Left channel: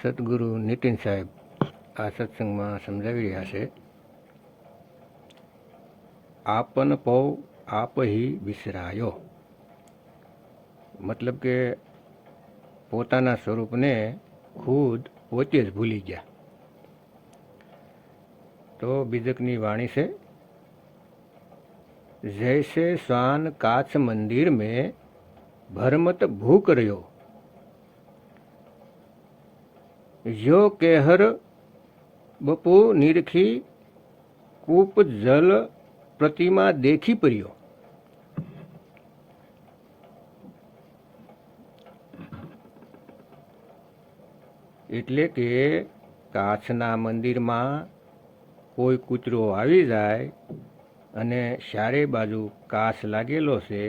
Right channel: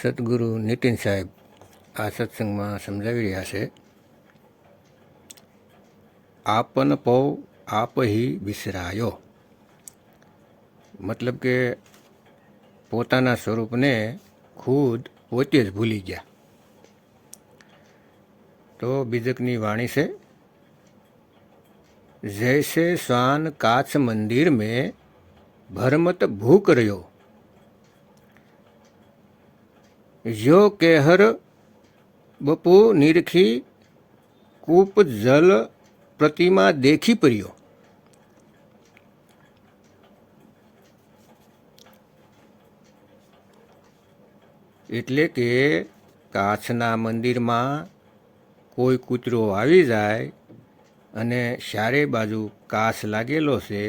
સદગુરુ નીતિન સાહેબ આ સત્સંગમાં સમજાવી રહ્યા છે. આપન પૌ આપ હી વિસરાયો, મતલબ કે પોતાના સ્વરૂપને ખુદ પોતે જ ભૂલી ગયા. તો બીજકની વાણી છે, જૈસે શ્વાન કાચ મંદિર में भरमत भूख रह्यो, जो कहर बपू निरखी कूप जल प्रतिमा देखी पर्यो. એટલે કે કાચના મંદિરમાં કોઈ કૂતરો આવી જાય અને ચારે બાજુ કાચ લાગેલો છે,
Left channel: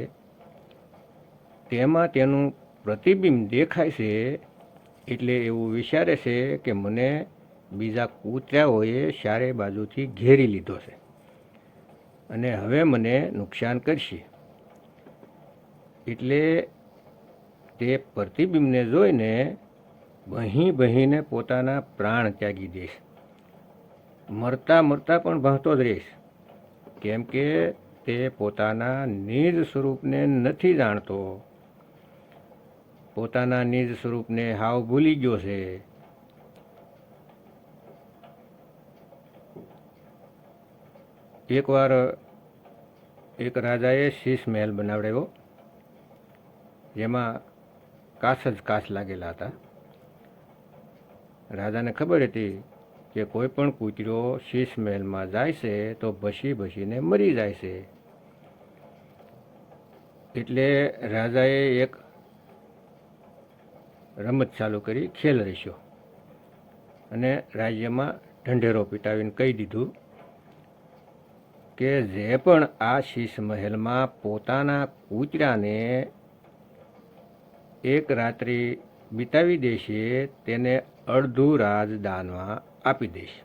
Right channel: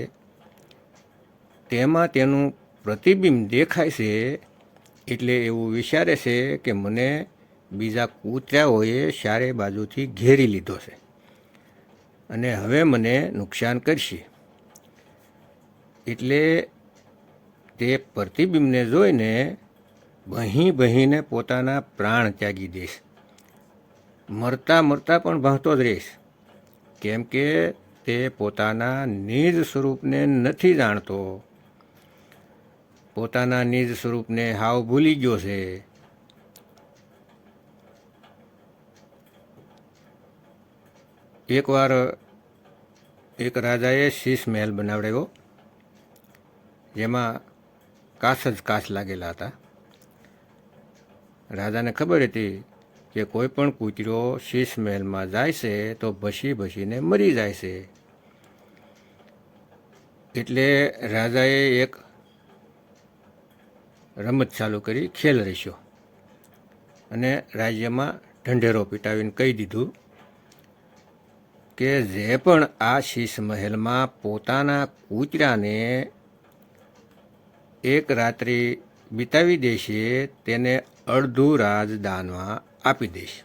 તેમાં તેનું પ્રતિબિંબ દેખાય છે. એટલે એવું વિચારે છે કે મને બીજા કૂતરાઓએ ચારે બાજુથી ઘેરી લીધો છે અને હવે મને નુકસાન કરશે. એટલે તે પ્રતિબિંબને જોઈને બહીને પોતાના પ્રાણ ત્યાગી દઈશ. મરતા મરતા પણ ભાંગતો જ રહીશ, કેમ કે તે પોતાના નિજ સ્વરૂપને નથી જાણતો. પોતાના નિજ સ્વરૂપને હાવ ભૂલી ગયો છે. એકવાર એક રાજાએ શીશ મહેલ બનાવડાવ્યો, જેમાં કાચ જ કાચ લાગેલા હતા. રાજાને ખબર હતી કે કોઈ પણ કૂતરો શીશ મહેલમાં જાય છે તો ભસીને મરી જાય છે. એટલે રાજાએ એક રમત ચાલુ કરી, ખેલ રચ્યો અને રાજ્યમાં ઢંઢેરો પીટાવીને કહી દીધું કે જે પણ આ શીશ મહેલમાં પોતાના કૂતરાને એક રાત્રિ વિતાવી દેશે તેને અડધું રાજ દાનમાં આપી દઈશ.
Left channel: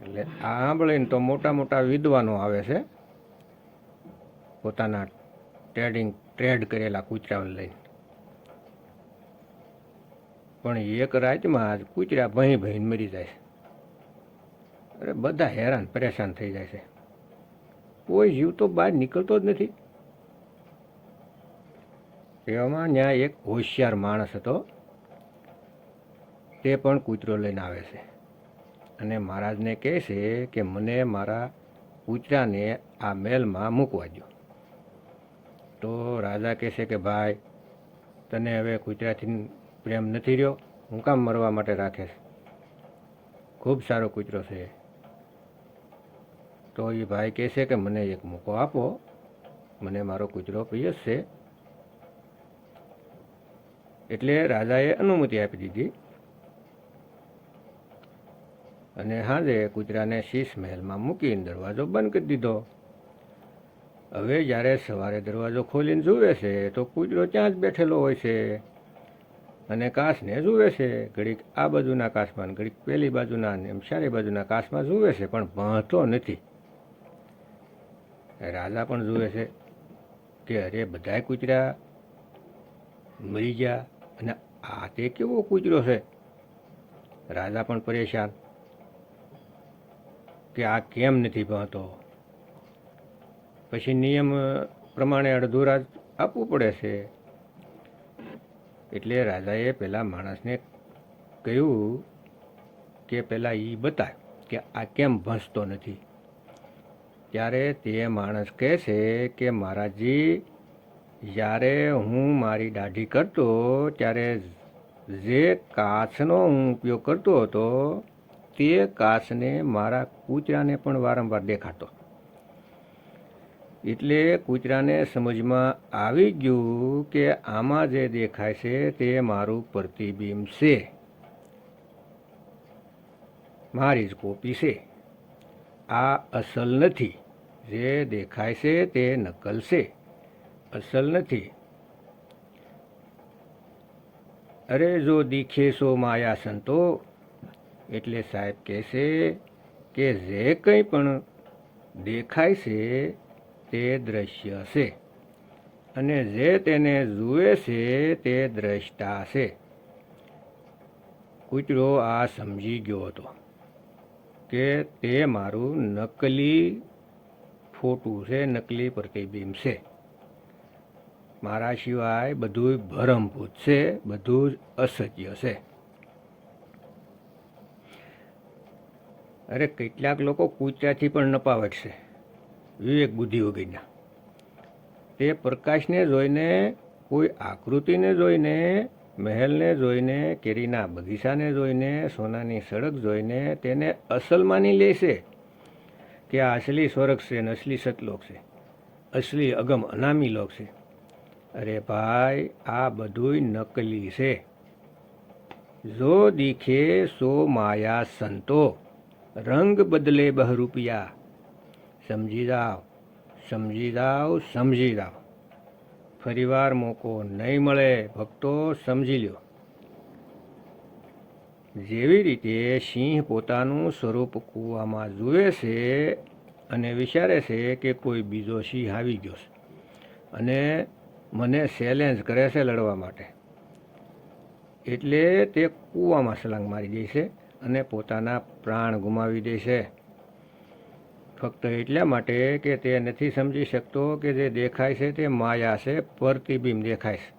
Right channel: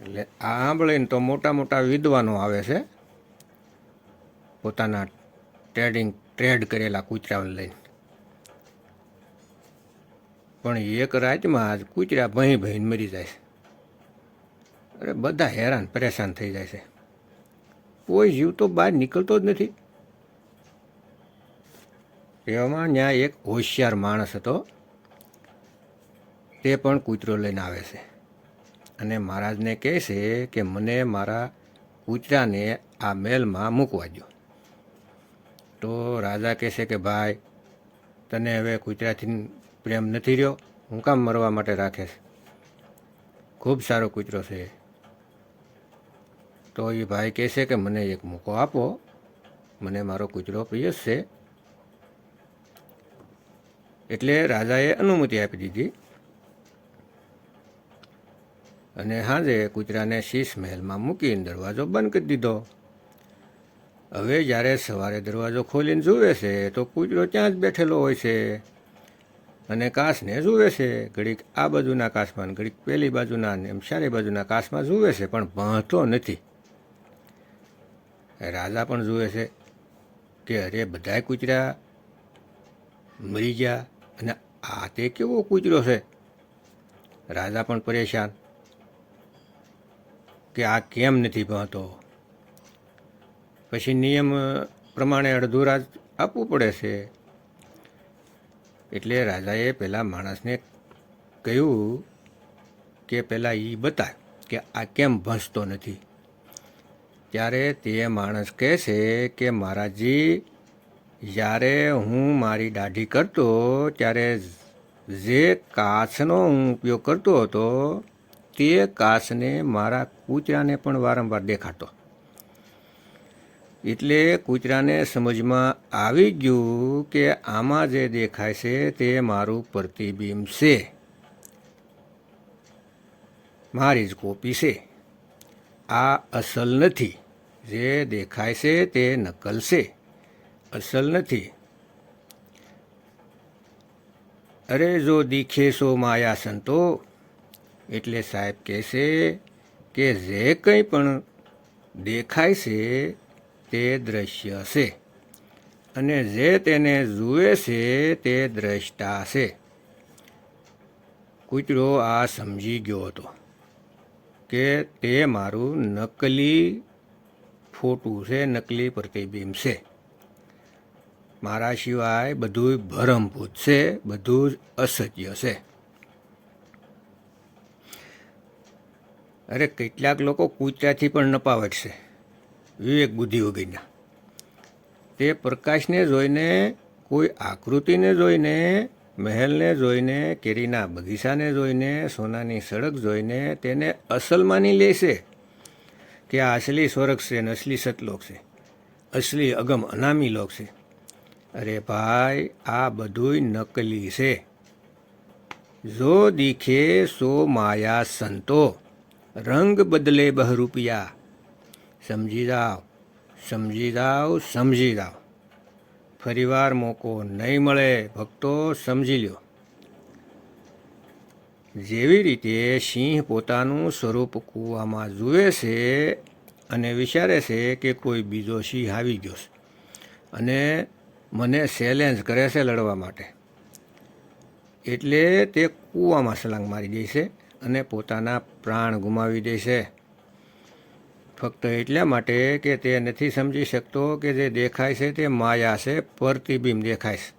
એટલે આ સાંભળીને તો મોટા મોટા વિદ્વાનો આવે છે, પોતાના ટ્રેડ કરેલા કૂતરાઓને લઈને. પણ એક રાતમાં જ કૂતરા ભહીને મરી જાય છે. અરે બધા હેરાન પરેશાન થઈ જાય છે. કોઈ જીવ તો બહાર નીકળતો જ નથી. એવામાં ત્યાં એક હોશિયાર માણસ હતો, તે પણ કૂતરો લઈને આવે છે અને મહારાજને કહે છે કે મને મારા કૂતરાને આ મહેલમાં મૂકવા દો. તો રાજા કહે છે કે ભાઈ, તને હવે કૂતરાથી પ્રેમ નથી રહ્યો, હું કામ મરવા માટે રાખે છે? ખૂબ સારો કૂતરો છે. તો એ ભાઈ કહે છે કે મને એક મોકો આપો, મને મારો કૂતરો પ્રિય છે. એટલે રાજાએ અનુમતિ આપી દીધી અને સાંજે કૂતરાને શીશ મહેલમાં મૂકીને દરવાજો બંધ કરી દીધો. હવે જ્યારે સવારે દરવાજો ખોલીને જુએ છે તો કૂતરો ત્યાં જ બેઠેલો હોય છે અને કાચને જુએ છે. ઘડીક આ બાજુના કાચમાં, ઘડીક પેલી બાજુના, એમ ચારે બાજુના કાચમાં જુએ છે, પણ ભાંતો નથી. રાજા પણ જુએ છે કે અરે બધાય કૂતરા મરી ગયા અને આ તે કેવો કૂતરો છે. રાજા પણ પરેશાન કે આ કેમ નથી ભાંતો. પછી નિયમ પ્રમાણે અડધું રાજ આપવું પડે છે. એટલે રાજાએ પેલા માણસને કહ્યું કે પહેલાં એ બતાય કે આ કેમ ભસતો નથી. ત્યારે તે માણસ કહે છે કે મહારાજજી, જ્યારે હું મારી દાઢી કરતો ત્યારે જે કાચનો હું ઉપયોગ કરતો હતો તે કાચને મારા કૂતરાને પણ વારંવાર દેખાતો. એટલે કૂતરાને સમજમાં આવી ગયું કે આમાં જે દેખાય છે તે મારું પ્રતિબિંબ છે, મારી જ કોપી છે. આ અસલ નથી. જે દેખાય છે તે નકલ છે, અસલ નથી. અરે જો દીખે સો માયા સંતો. એટલે સાહેબ કહે છે કે જે કંઈ પણ દેખાય છે તે દ્રશ્ય છે, અને જે તેને જુએ છે તે દ્રષ્ટા છે. કૂતરો આ સમજી ગયો હતો કે તે મારું નકલી ફોટું છે, નકલી પ્રતિબિંબ છે. મારા સિવાય બધું ભરમભૂત છે, બધું જ અસત્ય છે. અરે કેટલાક લોકો કૂતરાથી પણ નપાવટ છે, વિવેક બુદ્ધિ વગરના. તે પ્રકાશને જોઈને, કોઈ આકૃતિને જોઈને, મહેલને જોઈને, કેરીના બગીચાને જોઈને, સોનાની સડક જોઈને તેને અસલ માની લે છે કે આ અસલી સ્વર્ગ છે ને અસલી સતલોક છે, અસલી અગમ અનામી લોક છે. અરે ભાઈ, આ બધુંય નકલી છે. જો દીખે સો માયા સંતો, રંગ બદલે બહરૂપિયા. સમજી જાઓ, સમજી જાઓ, સમજી જાઓ. ફરીવાર મોકો નહીં મળે ભક્તો, સમજી લ્યો. જેવી રીતે સિંહ પોતાનું સ્વરૂપ કૂવામાં જુએ છે અને વિચારે છે કે કોઈ બીજો સિંહ આવી ગયો છે અને મને ચેલેન્જ કરે છે લડવા માટે, એટલે તે કૂવામાં છલાંગ મારી દે છે અને પોતાના પ્રાણ ગુમાવી દે છે. ફક્ત એટલા માટે કે તે નથી સમજી શકતો કે જે દેખાય છે તે માયા છે, પ્રતિબિંબ દેખાય છે.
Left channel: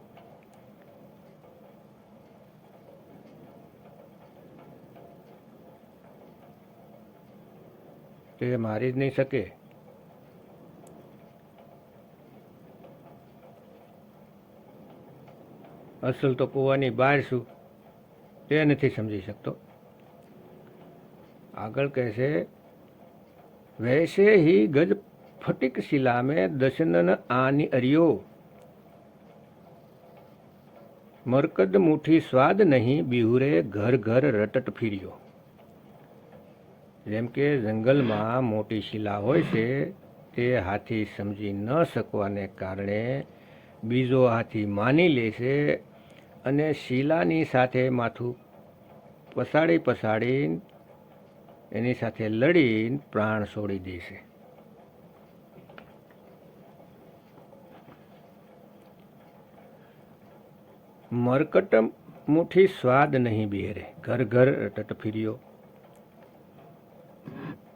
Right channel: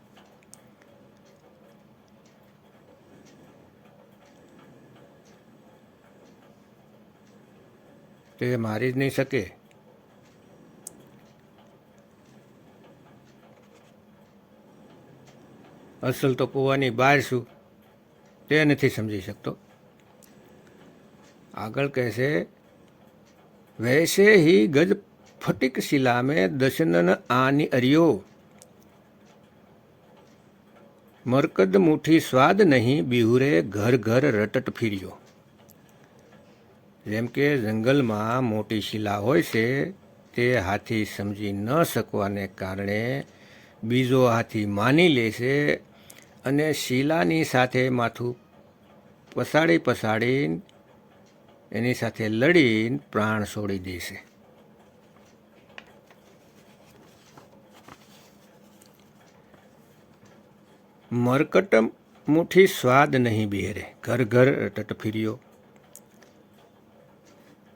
તે મારી જ નહીં શકે. અસલ તો કૂવાની બહાર છું, તે નથી સમજી શકતો. આગળ કહેશે, વૈસે હી ગજ ફટિક શિલા મેં દશનન આની અરિયો, મરકદ મુઠ્ઠી સ્વાદ નહીં, બિહુરે ઘર ઘર રટટ ફિર્યો. જેમ કે જંગલમાં મોટી શિલા હોય છે, તે હાથી સમજી ન શકવાને કારણે બીજો હાથી માની લે છે અને શિલાની સાથે માથું પસાડીને એની સાથે લડીને પ્રાણ છોડી દે છે. મરકટ મુઠ્ઠી સ્વાદ નહીં બિહરે, ઘર ઘર રટટ ફિર્યો.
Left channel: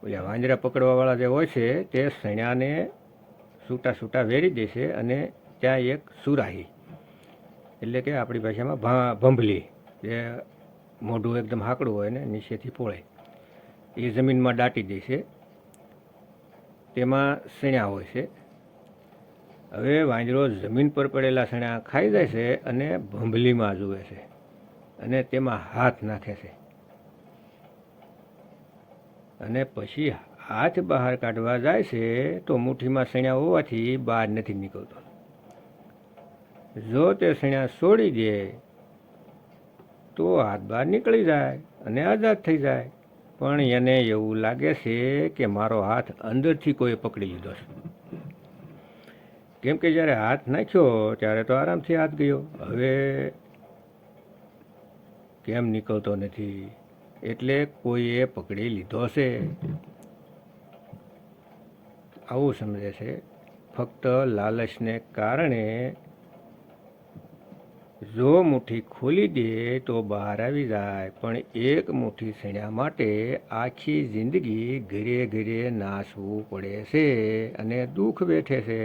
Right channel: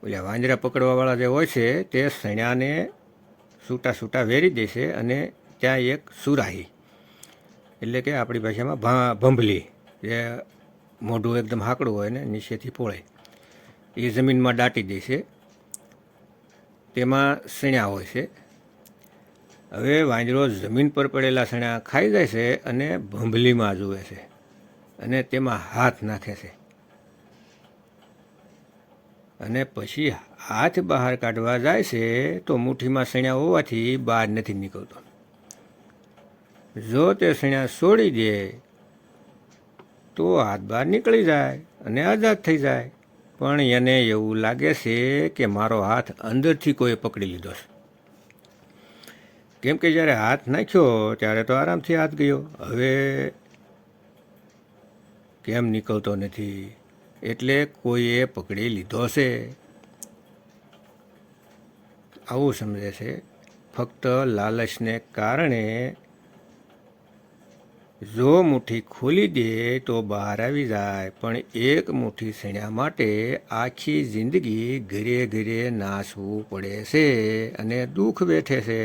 ઓલા વાંદરા પકડવાવાળા જે હોય છે તે સણ્યાને છૂટા છૂટા વેરી દે છે અને ત્યાં એક સુરાહી, એટલે કે આપણી ભાષામાં ભંભલી, જે મોઢું એકદમ હાકડું હોય ને નીચેથી પોળે, એ જમીનમાં દાટી દે છે. તેમાં સણ્યા હોય છે. હવે વાંદરો જમીન પર પડેલા સણ્યા ખાઈ જાય છે અને ભંભલીમાં જુએ છે અને તેમાં હાથ નાખે છે અને પછી હાથ બહાર કાઢવા જાય છે તો મુઠ્ઠીમાં સણ્યા હોવાથી બહાર નથી નીકળતો. જો તે સણ્યા છોડી દે તો હાથ બહાર નીકળી જાય અને આઝાદ થઈ જાય. પણ એને એવું લાગે છે કે મારો હાથ અંદરથી કોઈ પકડી લીધો છે, કેમ કે જ્યારે હાથ નાખ્યો ત્યારે તો આરામથી હાથ ગયો, હવે કેમ નીકળતો નથી, એટલે કોઈએ પકડી લીધો છે. આવું સમજે છે. ફક્ત લાલચને કારણે જો મુઠ્ઠી ખોલી દે તો બહાર આવી જાય, પણ એક મુઠ્ઠી સણ્યા માટે આખી જિંદગી ઘરે ઘરે નાસવું પડે છે અને દુઃખ વેઠે છે.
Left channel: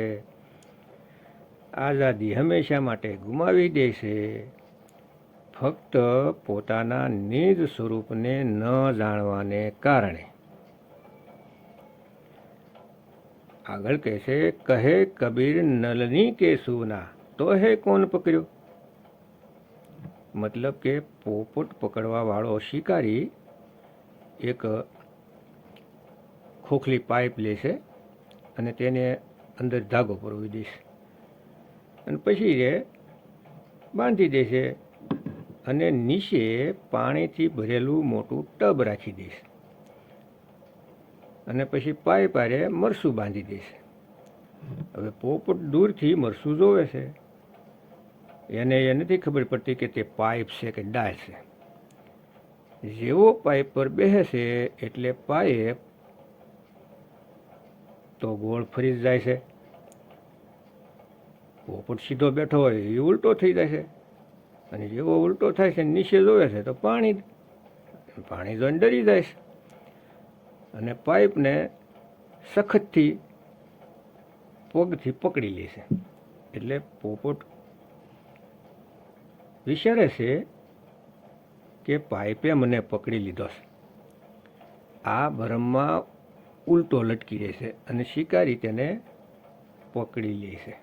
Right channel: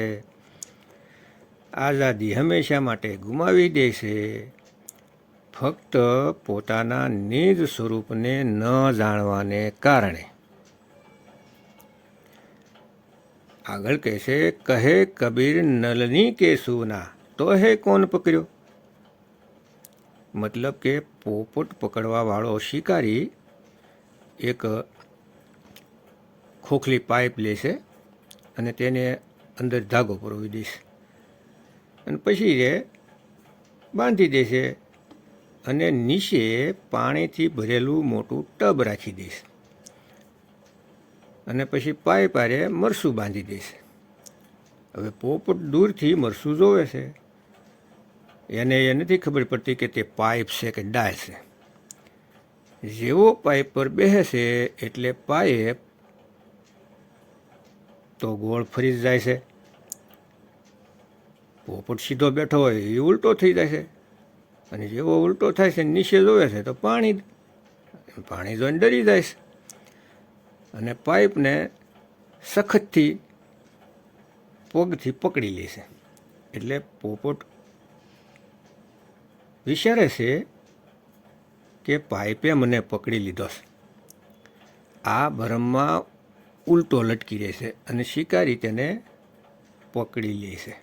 આઝાદી હંમેશા માટે ગુમાવી દે છે, ફક્ત પોતાના નિજ સ્વરૂપને ન જાણવાને કારણે. આગળ કહેશે, કહે કબીર નલની કે સુના, તો હે કોણ પકડ્યો. મતલબ કે પોપટ પકડવા વાળો શિકારી એક ખોખલી પાઇપ લે છે અને તેને અંદર ધાગો પરોવી દેશે અને પછી એ બાંધી દેશે અને નીચે પાણીથી ભરેલું મોટું ટબ રાખી દેશે અને પછી પાઇપ આરે મરસું બાંધી દેશે. હવે પોપટ દૂરથી મરસું જોવે છે, એને એ નથી ખબર પડતી કે તે પાઇપ છે કે ડાય છે. જેવો પાઇપ પર બેસે છે એટલે પાઇપ તો ગોળ ફરી જાય છે પોપટ સીધો બેઠો હોય એ ઉલટો થઈ જાય છે, અને જેવો ઉલટો થાય છે નીચે જોવે છે તો પાણી જોઈને ડરી જાય છે, અને પાઇપને સખતથી પગથી પકડી લે છે. એટલે પોપટ વિચારે છે કે પાઇપે મને પકડી લીધો છે, આ ભરમમાં ઉલટો લટકી રહે છે, અને શિકારી તેને પકડી લે છે.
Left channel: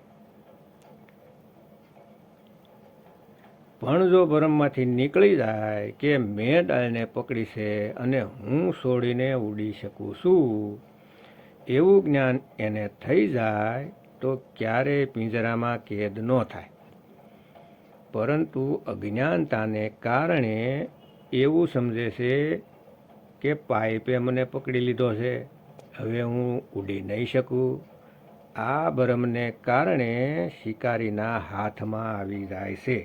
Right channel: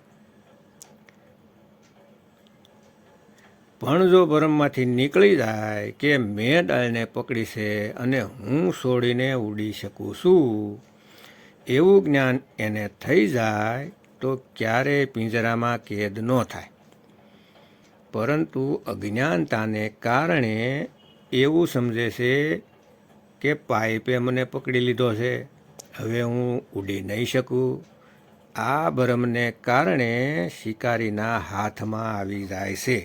પણ જો ભરમમાંથી નીકળી જાય કે મેં ડાળને પકડી છે અને હું છોડીને ઉડી શકું છું, એવું જ્ઞાન એને થઈ જાય તો ક્યારેય પિંજરામાં કેદ ન થાય. પરંતુ અજ્ઞાનતાને કારણે એવું સમજે છે કે પાઇપે મને પકડી લીધો છે, હવે હું ઉડી નહીં શકું. આ ભરમને કારણે શિકારીના હાથમાં આવી જાય છે.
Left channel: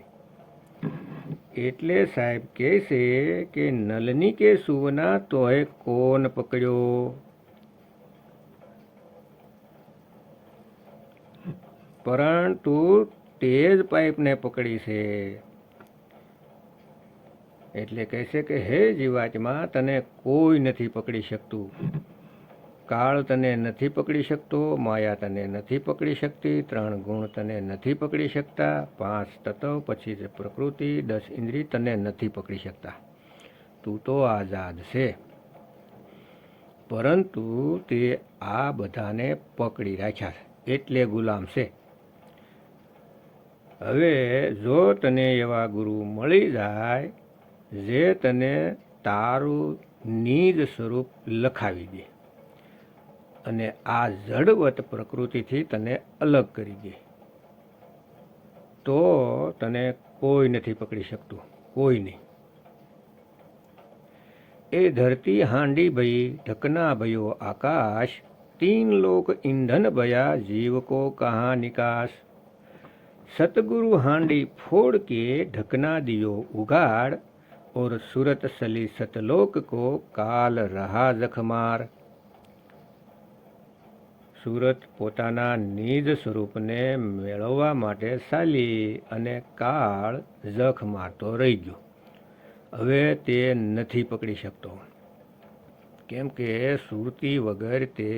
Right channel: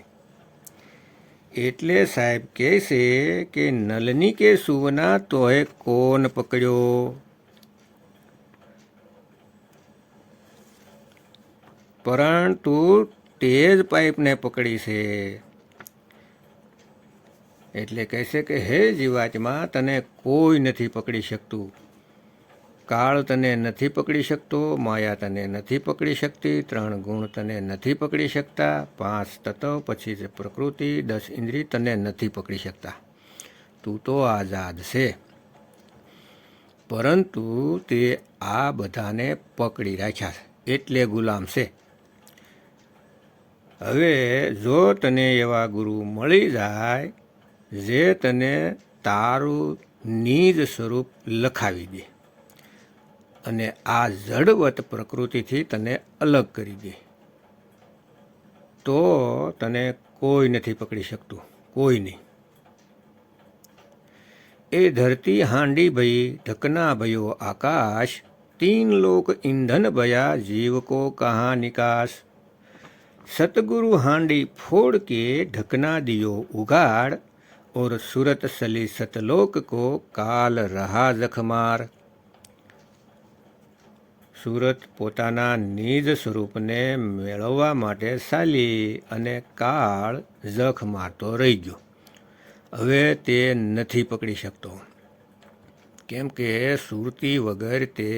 એટલે સાહેબ કહે છે કે નલની કે સુવના તોય કોણ પકડ્યો, પરંતુ તે જ પાઇપને પકડી છે. એટલે કહે છે કે હે જીવાત્મા, તને કોઈ નથી પકડી શકતું. કાળ તને નથી પકડી શકતો, માયા તને નથી પકડી શકતી, 3 ગુણ તને નથી પકડી શકતા, 5 તત્વ પછી છે પ્રકૃતિ, 10 ઇન્દ્રિય તને નથી પકડી શકતા. તું તો આઝાદ છે. પરંતુ તે આ બધાને પકડી રાખ્યા છે, એટલે ગુલામ છે. હવે જો તને એવા ગુરુ મળી જાય જે તને તારું નિજ સ્વરૂપ લખાવી દે અને આ જડવત પ્રકૃતિથી તને અલગ કરી દે, તો તને કોઈ નથી પકડી શકતું, કોઈ નહીં. એ ધરતી હાંડી ભઈ, ઢકના ભયો આકાશ, 3 લોક ઈંધન ભયા, જીવ કો કहाँ નિકાસ. सतगुरु हांडी फोड़ के ढकना दियो उगाड़, और सूरत सली सतलोक को काल रहा जखमार. સુરત પોતાના નિજ સ્વરૂપને મેળવવા માટે ચાલી અને કાળ જખ મારતો રહી ગયો. હવે તે નથી પકડી શકતો, કેમ કે સુરતી વગર તે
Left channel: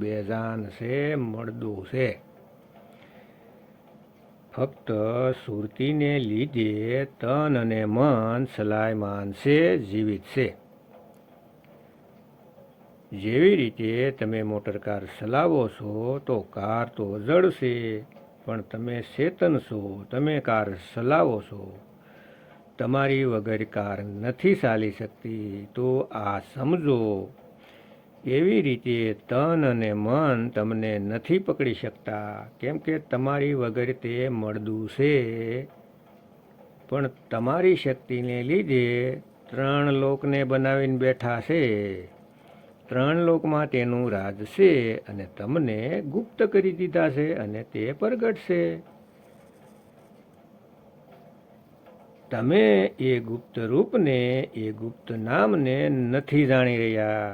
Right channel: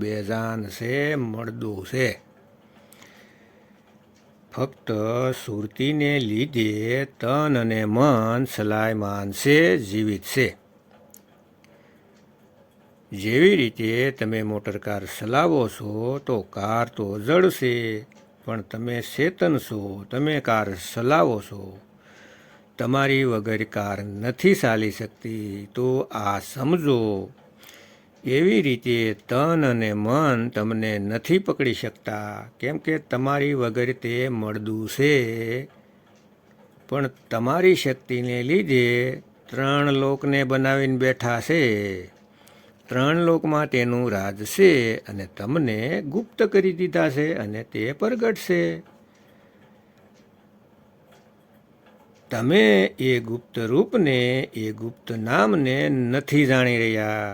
બેજાન છે, મળદું છે. ફક્ત સુરતીને લીધે તન અને મન સલાયમાન છે, જીવિત છે. જેવી રીતે તમે મોટરકાર ચલાવો છો તો કાર તો જડશે, પણ તમે ચેતન છો, તમે કાર ચલાવો છો. તમારી વગર કાર નથી ચાલી શકતી, તો આ સમજો. એવી રીતે તન અને મન તમને નથી પકડી શકતા, કેમ કે તમારી વગર તે મળદું છે. પણ તમારી શક્તિને લીધે 3 લોકને બનાવીને બેઠા છે. 3 લોકમાં તેનું રાજ છે, અને તમને ગુપ્ત કરી દીધા છે, અને તે પ્રગટ છે. તમે એ ગુપ્ત રૂપને, એ ગુપ્ત નામને નથી જાણી રહ્યા.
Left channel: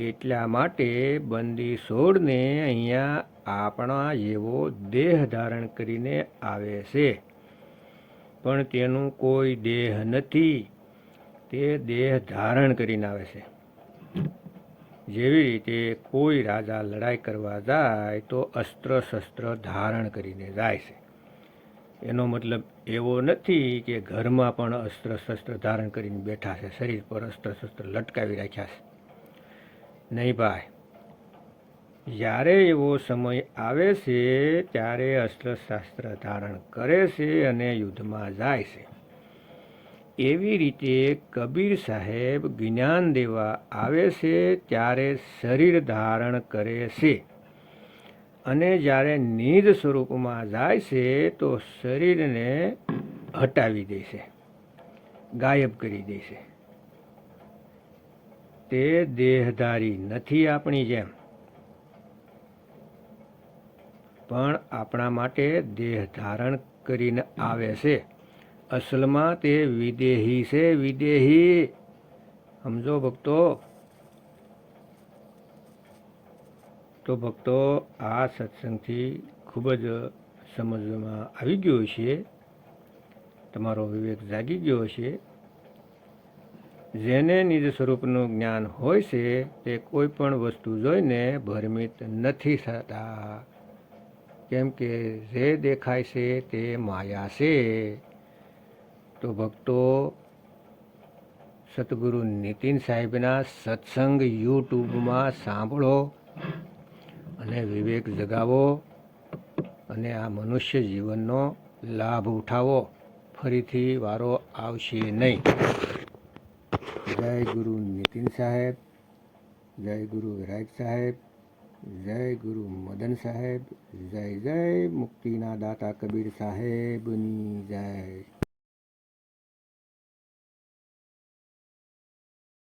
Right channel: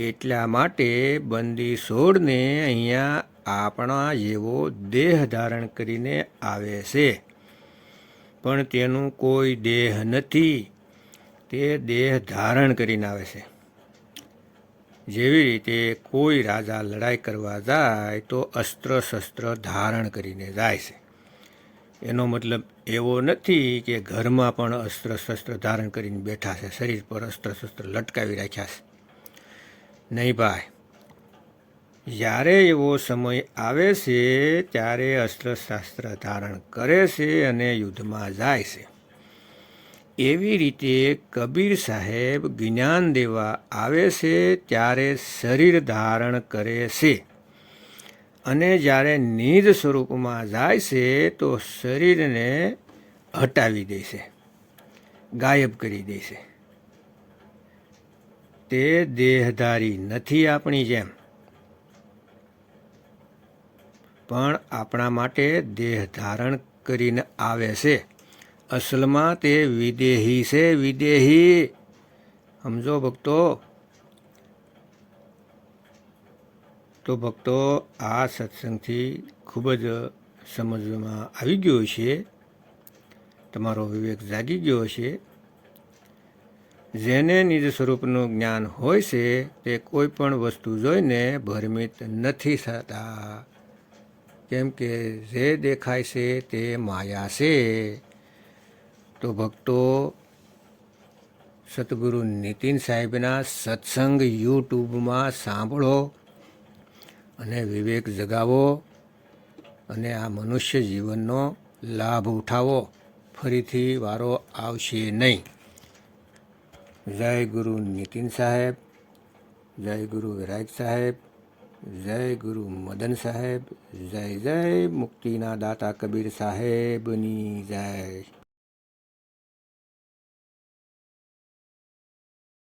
એટલા માટે બંદી છોડને અહીંયા આપણા જેવો દેહ ધારણ કરીને આવે છે, પણ તેનું કોઈ દેહ નથી, તે દેહ ધારણ કરીને આવે છે. જેવી રીતે કોઈ રાજા લડાઈ કરવા જાય તો અસ્ત્ર શસ્ત્ર ધારણ કરીને જાય છે. એનો મતલબ એવો નથી કે ઘરમાં પણ અસ્ત્ર શસ્ત્ર ધારણ કરીને બેઠા છે, શરીર પર અસ્ત્ર શસ્ત્ર લટકાવી રાખ્યા છે. નહીં ભાઈ, જ્યારે એવો સમય આવે છે ત્યારે અસ્ત્રશાસ્ત્ર ધારણ કરે છે અને યુદ્ધમાં જાય છે. એવી રીતે કબીર સાહેબ જ્ઞાન દેવા આવે છે ત્યારે શરીર ધારણ કરે છે, અને જ્યારે નિજ સ્વરૂપમાં જાય છે તો શરીરને હટાવી દે છે, ગાયબ કરી દે છે. તે દેહધારી નથી આપણી જેમ, પણ આપણા માટે દેહ ધારણ કરીને આવે છે. અસલમાં તે વિદેહી છે, વિદેહી. સમજો ભક્તો. તો ભક્તો, આ સત્સંગથી ખૂબ જ સમજવામાં આવી ગયો હશે, તમારો વિવેક જાગી ગયો હશે. જેને નિજ સ્વરૂપનું જ્ઞાન હોય છે તે કોઈ પણ વસ્તુ જોઈને ભ્રમિત નથી થતા, કેમ કે જે દેખાય છે તે માયા છે. તો ભક્તો, સતગુરુ નીતિન સાહેબના સત્સંગ યુટ્યુબમાં સાંભળો અને વિવેક જગાવો અને આ મનુષ્ય જીવનનો લાભ ઉઠાવો. ફરીથી વારો આવશે નહીં. જય ગુરુ નીતિન સાહેબ, જય ગુરુ વિરાગ સાહેબ, જય ગુરુ મદન સાહેબ, જય જય મુક્તિના દાતા કબીર સાહેબની જય.